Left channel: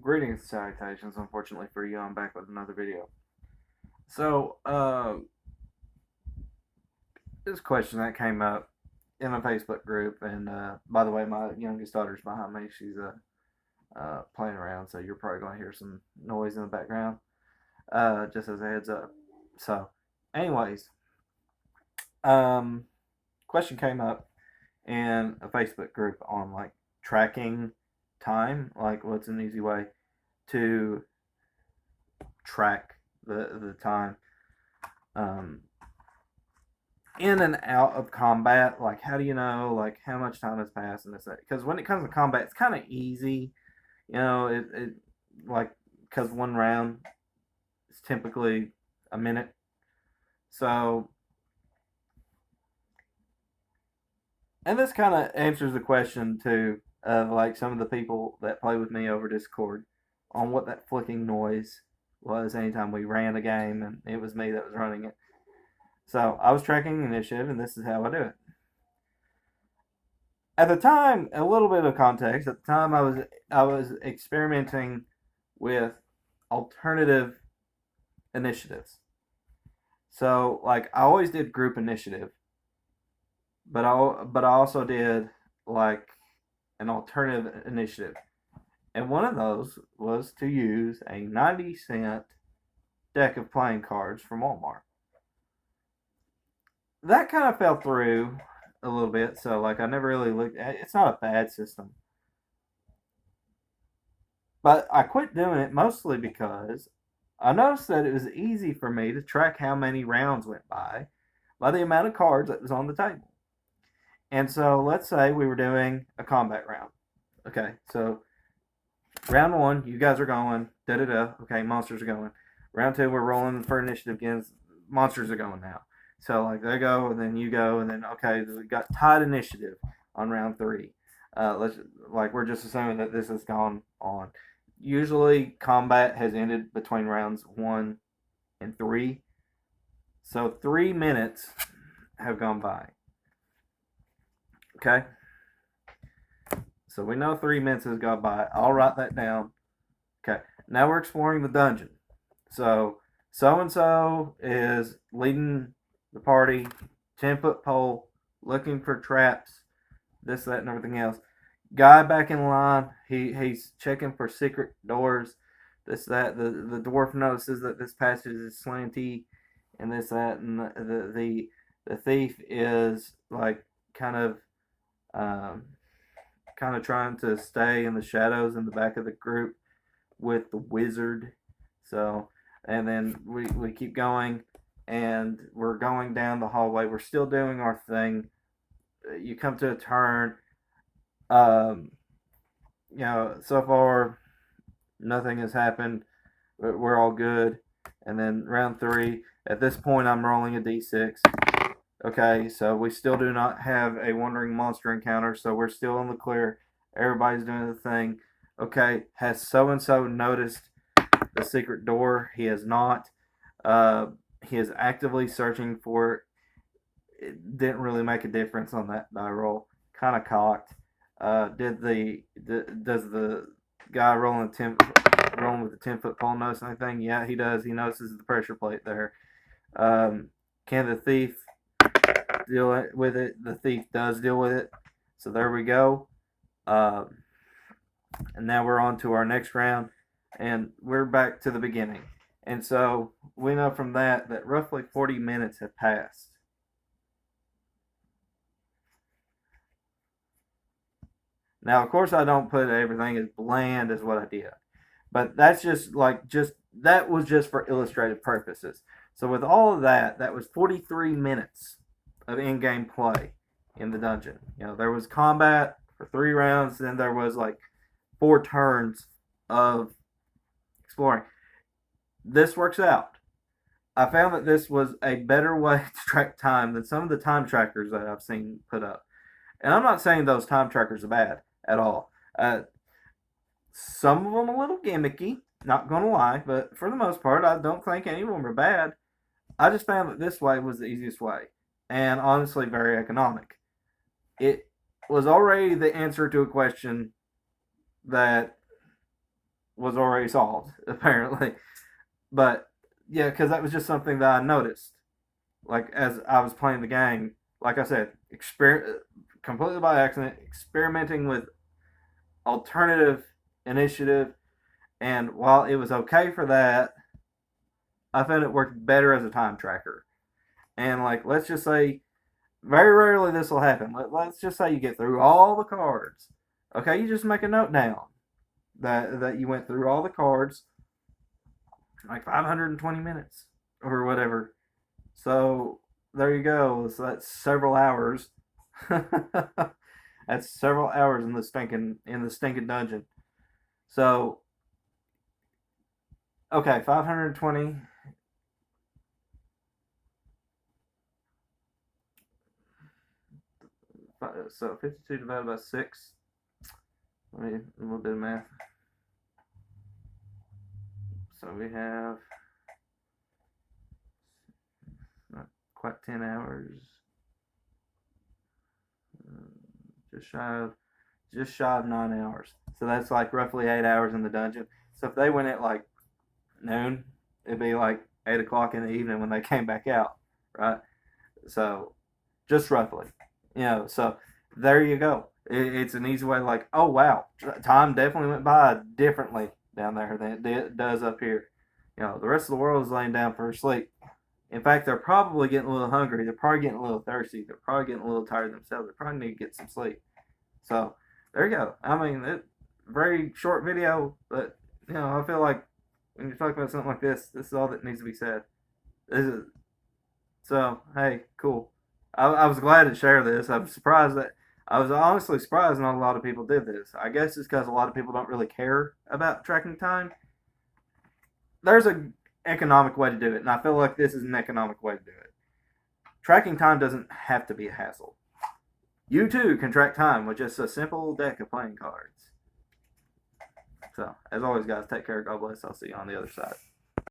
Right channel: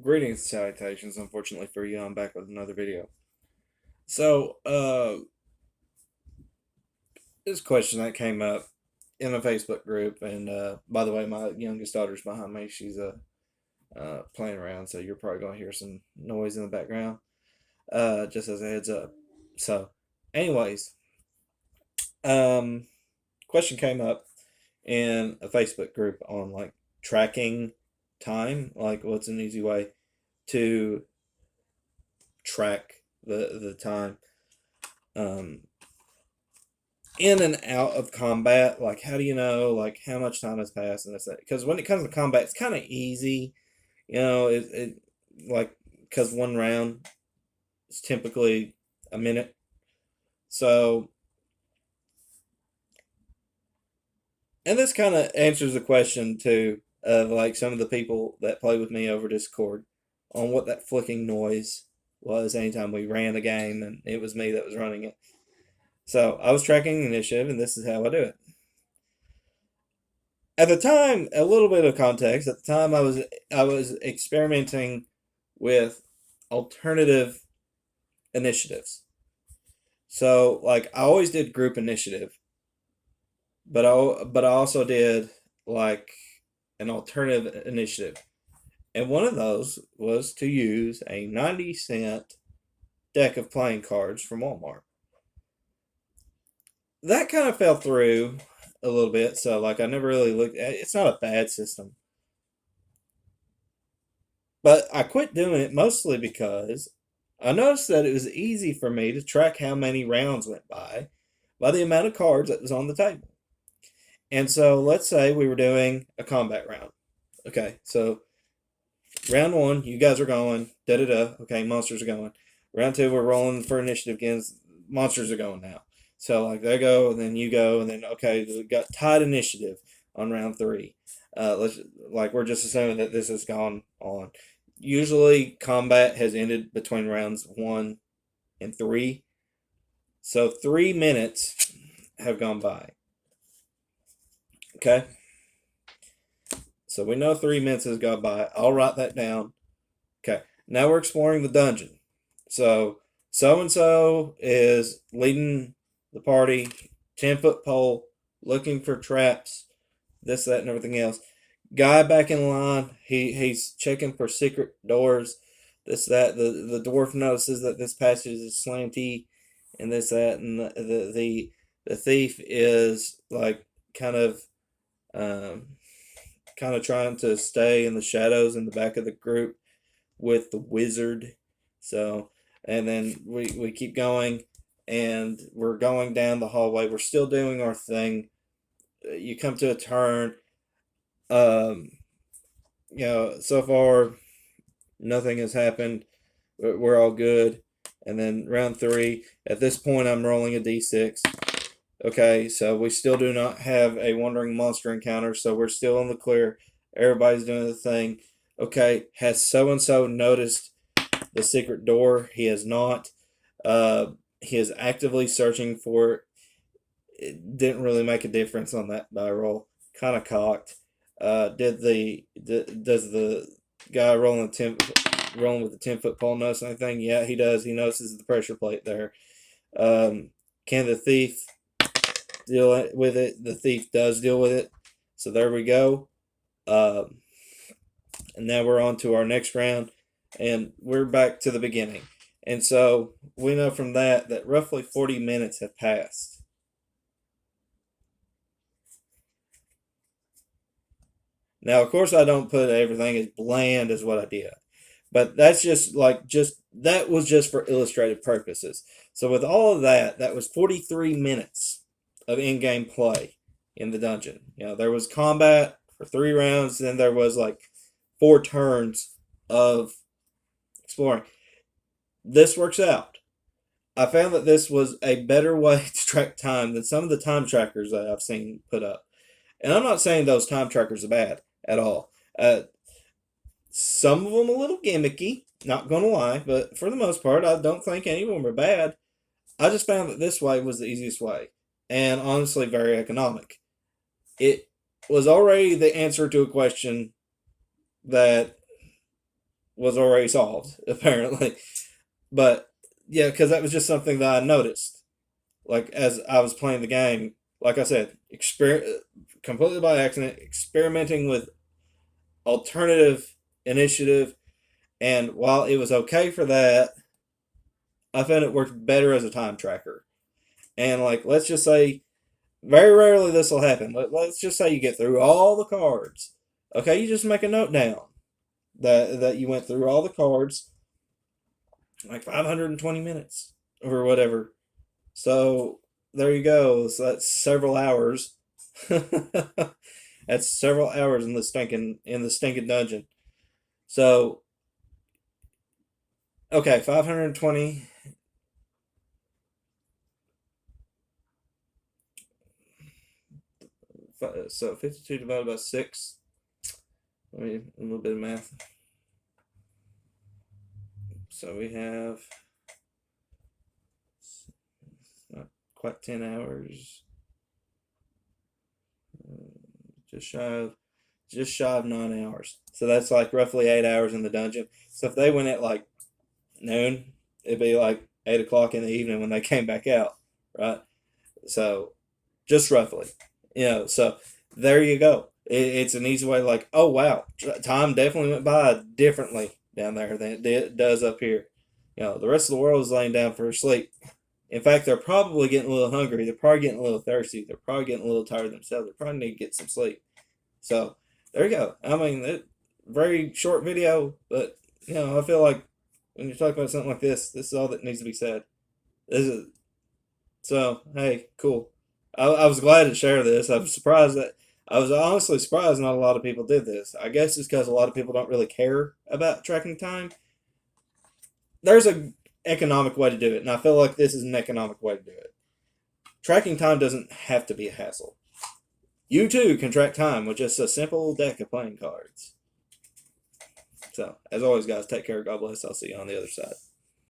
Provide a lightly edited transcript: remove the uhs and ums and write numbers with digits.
Greetings and salutations. Unfortunately for you, I'm back with another video. So, this question that came up in a Facebook group, and by the way, my youngest daughter's behind me. She's playing around, so you're probably going to hear some noise in the background, just as a heads up. So, anyways, um, question came up in a Facebook group on like tracking time, like what's an easy way to track the time. Um, in and out of combat, like how do you know like how much time has passed and this that? Because when it comes to combat, it's kind of easy, it like because one round is typically a minute. So, and this kind of answers the question too of like some of the people that play with me over Discord on what that flicking noise was anytime we ran the game, and it was me that was running it. So I was tracking initiative, and this is how I do it. At the time, a little bit of context. At the time, I was experimenting with alternative initiatives. So, like, I always did group initiative, but I also did like an alternative initiative, and one of those was to use a 90-cent deck of playing cards from Walmart. That kind of fell through a little bit, so like I never really looked at it's not a bad system. But I quit doing it mostly because I noticed that it was easy for me to track how many rounds went by the amount of cards that was on the table. And so let's say we were doing a combat round. Okay, so round one, you guys are going, da da da. Okay, monsters are going. Round two, we're rolling for initiative against monsters are going now. So like they go, and then you go, and then okay, we got tied initiative on round three. Let's like we're just assuming that this has gone on. Usually, combat has ended between rounds one and three, so 3 minutes have gone by. Okay, so we know 3 minutes has gone by. I'll write that down. Okay, now we're exploring the dungeon. So and so is leading the party, 10-foot pole, looking for traps, this, that, and everything else. Guy back in line, he's checking for secret doors, this, that. The dwarf notices that this passage is slanty, and this, that, and the thief is like kind of um, kind of trying to stay in the shadows in the back of the group with the wizard. So, and then we keep going, and we're going down the hallway. We're still doing our thing. You come to a turn. Um, so far nothing has happened. We're all good. And then round three. At this point, I'm rolling a d6. Okay, so we still do not have a wandering monster encounter, so we're still in the clear. Everybody's doing the thing. Okay, has so and so noticed the secret door? He has not. Uh, he is actively searching for it. It didn't really make a difference on that die roll. Kind of cocked. Does the guy rolling with the 10-foot pole notice anything? Yeah, he does. He notices the pressure plate there. Um, can the thief deal with it? The thief does deal with it. So there we go. Um, and now we're on to our next round, and we're back to the beginning. And so we know from that roughly 40 minutes have passed. Now, of course, I don't put everything as bland as what I did, but that's just that was just for illustrative purposes. So with all of that, that was 43 minutes of in-game play in the dungeon. There was combat for 3 rounds, then there was like 4 turns of exploring. This works out. I found that this was a better way to track time than some of the time trackers that I've seen put up. And I'm not saying those time trackers are bad at all. Some of them a little gimmicky, not gonna lie, but for the most part, I don't think any of them are bad. I just found that this way was the easiest way, and honestly, very economic. It was already the answer to a question that was already solved, apparently. But yeah, because that was just something that I noticed. Like as I was playing the game, like I said, completely by accident, experimenting with alternative initiative, and while it was okay for that, I found it worked better as a time tracker. And like, let's just say, very rarely this will happen. Let's just say you get through all the cards. Okay, you just make a note down that you went through all the cards, like 520 minutes or whatever. So there you go. So that's several hours. That's several hours in the stinking dungeon. So okay, 520. So 52 divided by 6. Let me a little bit of math. So we have not quite 10 hours. Just shy of just shy of 9 hours. So that's like roughly 8 hours in the dungeon. So if they went at like noon, it'd be like 8 o'clock in the evening when they came back out, right? So just roughly, So there you go. It's an easy way. Like, oh wow, time definitely went by differently down there than it does up here. The rest of the world is laying down for sleep. In fact, they're probably getting a little hungry. They're probably getting a little thirsty. They're probably getting a little tired themselves. They probably need to get some sleep. So there you go. I mean, very short video, but I feel like when you're talking about something like this is all that needs to be said. This is, so hey, cool. I was glad to share this. I was honestly surprised not a lot of people did this. I guess it's because a lot of people don't really care about tracking time. There's a economic way to do it, and I feel like this is an economic way to do it. Tracking time doesn't have to be a hassle. You too can track time with just a simple deck of playing cards. So, as always, guys, take care. God bless. I'll see you on the other side.